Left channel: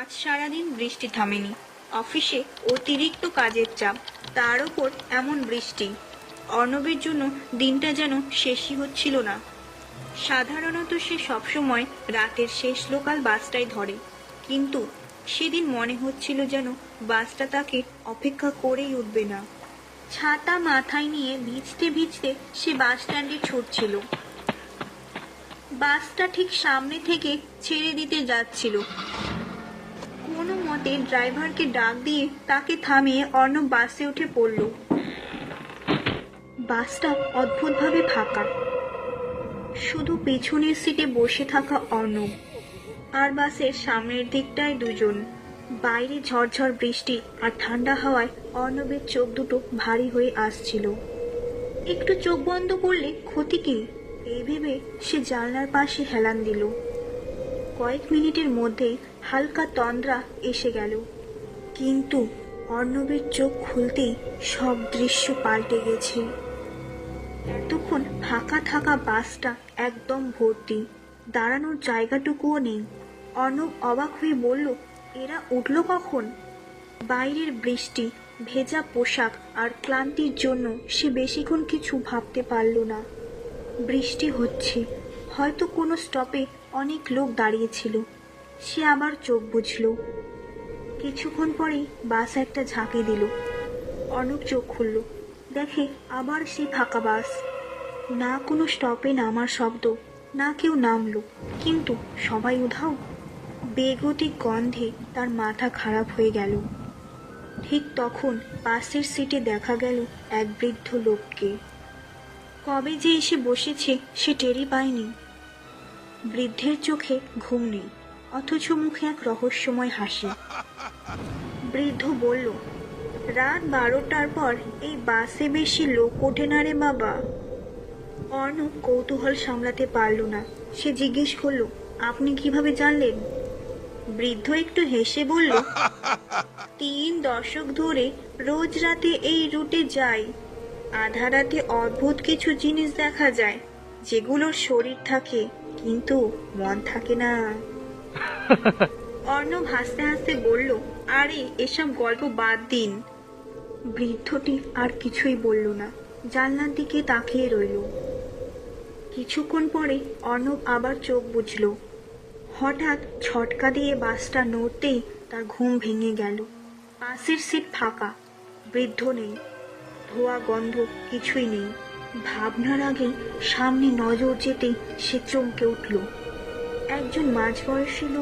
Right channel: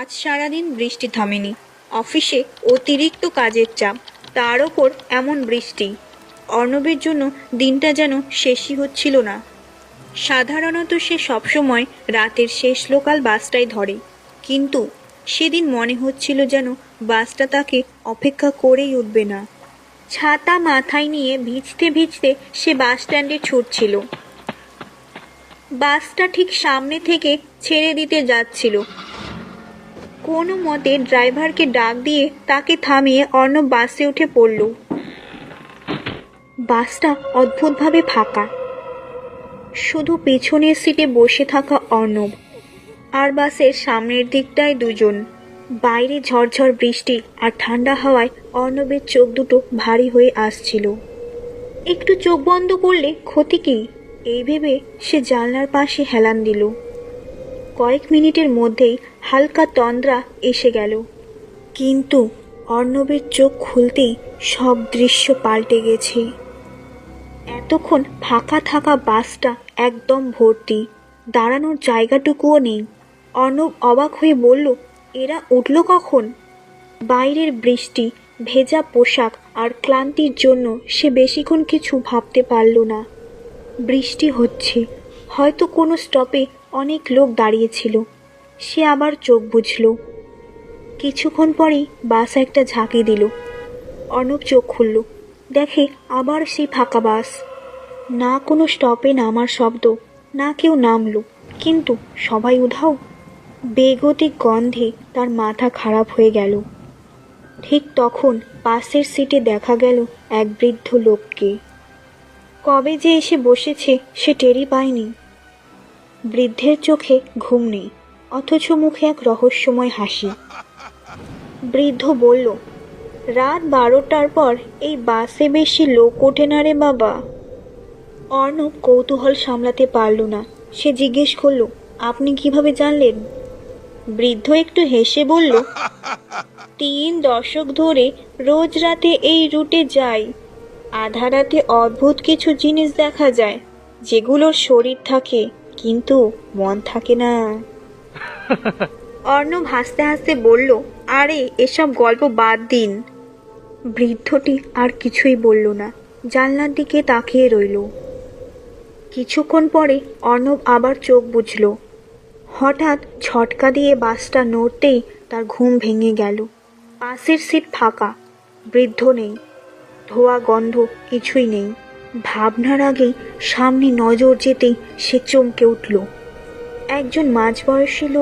আজ সারাদিন বৃষ্টি থামেনি। অফিসে অতিরিক্ত কাজের চাপ, তার ওপর এমন বৃষ্টি। অর্ণবের জন্য দিনটা যেন শেষই হচ্ছিল না। সাধারণত সে সবসময় রাতের শেষ লোকাল বাসটাই ধরে, কিন্তু সেদিন মনে হচ্ছিল যেন বাসটা তাকে অপেক্ষা করেই উঠবে না। ছাতা মাথায় নিয়ে ভিজতে ভিজতে সে বাস স্ট্যান্ডে ছুটছিল। বাসটা ঠিক সামনে থেকে ছেড়ে দিতে যাচ্ছিল। কোনো মতে ড্রাইভারকে ডাক দিয়ে তাকে থামিয়ে অর্ণব বাসে উঠে পড়ল। বাসটা অদ্ভুতভাবে ফাঁকা, শুধু পেছনের সিটে বসে থাকা অর্ণব, আর বাসের সামনের দিকটায় দুজন। বাইরে ঝরঝর বৃষ্টি আর ঠান্ডা হাওয়ায় অর্ণবের চোখ দুটো ভারী হয়ে আসছিল। একটু চোখ বন্ধ করলে ক্ষতি কি, এই ভেবে সে জানলার পাশে হেলান দিল। কয়েক মিনিটের মধ্যেই হালকা তন্দ্রা এসে গেল, কিন্তু অর্ণবের চোখ খুলতেই সব দৃশ্য পাল্টে গেছে। এতক্ষণ ফাঁকা থাকা বাসটা একদম ভর্তি, দাঁড়ানোর জায়গাটুকুও নেই। অর্ণব অবাক হয়ে বলল, এরা উঠল কখন? বাইরের বৃষ্টি, ভেজা পোশাক আর ক্লান্তির জন্য সে বেশিক্ষণ কিছু ভাবতে পারল না। বৃষ্টি হচ্ছে, হয়তো কোনো স্টপে অনেক লোক দাঁড়িয়েছিল। সে আবার চোখ বুজল। কিছুক্ষণ পরেই বাস একটা ঝাঁকি দিল। অর্ণব চোখ খুলল, দেখে আবার সেই ফাঁকা বাস। না কোনো স্টপে নামার শব্দ, না কেউ নামলো, কিন্তু সবাই উধাও। বেগতিক গন্ধে তার মাথা খারাপ হয়ে গেল। ঠিক তখন পাশের সিটে দেখা গেল এক বৃদ্ধ লোককে। কবে যে এসে বসেছে সে টেরই পায়নি। বৃদ্ধের চোখে ঘুম নেই, অথচ মুখে এক রহস্যময় হাসি। বৃদ্ধ বলল, রাত 12টার পর এই বাসে বেশি লোক ওঠে না রে বাবা। অর্ণব কৌতূহল সামলাতে পারল না। সে জিজ্ঞেস করলো, আপনি কিভাবে জানলেন? বৃদ্ধ একটু হেসে বলল, 3 দশক ধরে রোজ রাতে এই রুটে যাই। আধা রাতে অদ্ভুত কিছু জিনিস দেখা যায়, যেগুলোর শরীর থাকে কিন্তু মন থাকে না। অর্ণব হাসতে হাসতে বলল, আরে এসব গল্প বাদ দিন। বৃদ্ধটি আর কিছুই বলল না, জানলার দিকে তাকিয়ে রইল। কিছুক্ষণ পরে অর্ণব আবার চোখ বুজল। হঠাৎ ঝটকা দিয়ে বাসটা নড়তেই তার ঘুম ভেঙে গেল। পাশের সিট ফাঁকা, বৃদ্ধ নেই, ধোয়া গন্ধ কিছুই নেই। ভাবনার আগেই সামনে নজর যেতেই সে চমকে উঠল। একজন মাঝবয়সী লোক